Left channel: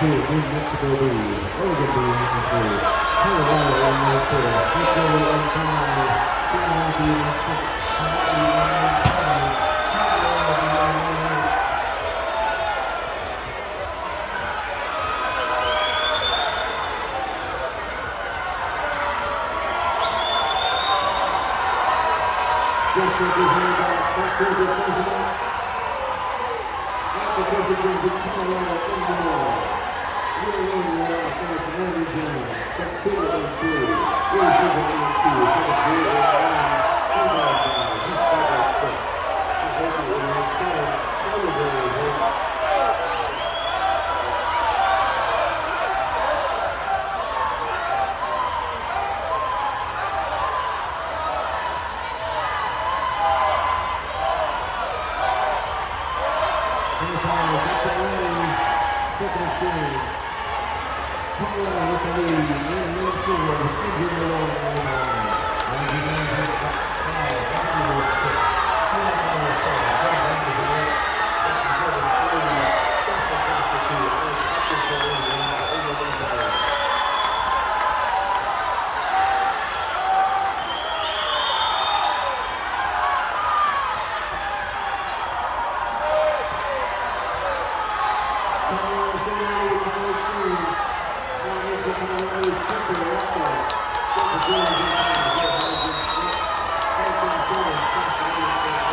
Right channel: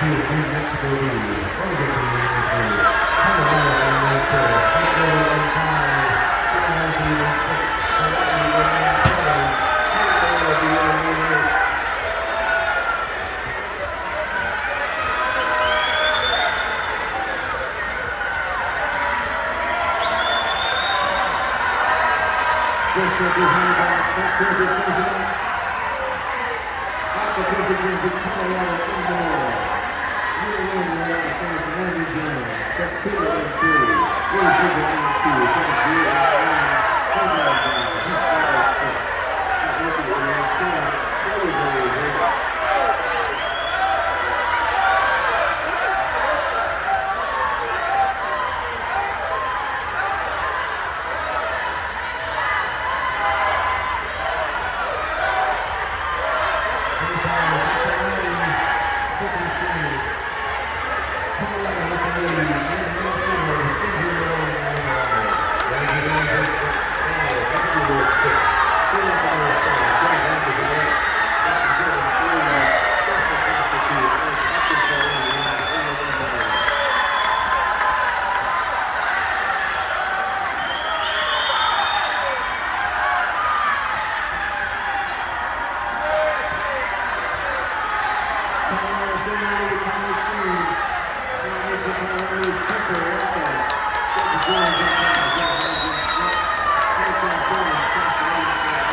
to New Mexico lead. Over the Yankees. Colorado on the field. Victory on time. Colorado on six. Colorado on seven. Colorado on 8. Just behind that, Colorado closing up. At the Divisions in Colorado, Illinois. New England, against Randy Jones. Set 2 and 3. Here's Division 2. Set 3 and 1. Colorado down. He's got 6. He's working with him. 7. Colorado. Second series. Colorado with the lead. Thank you.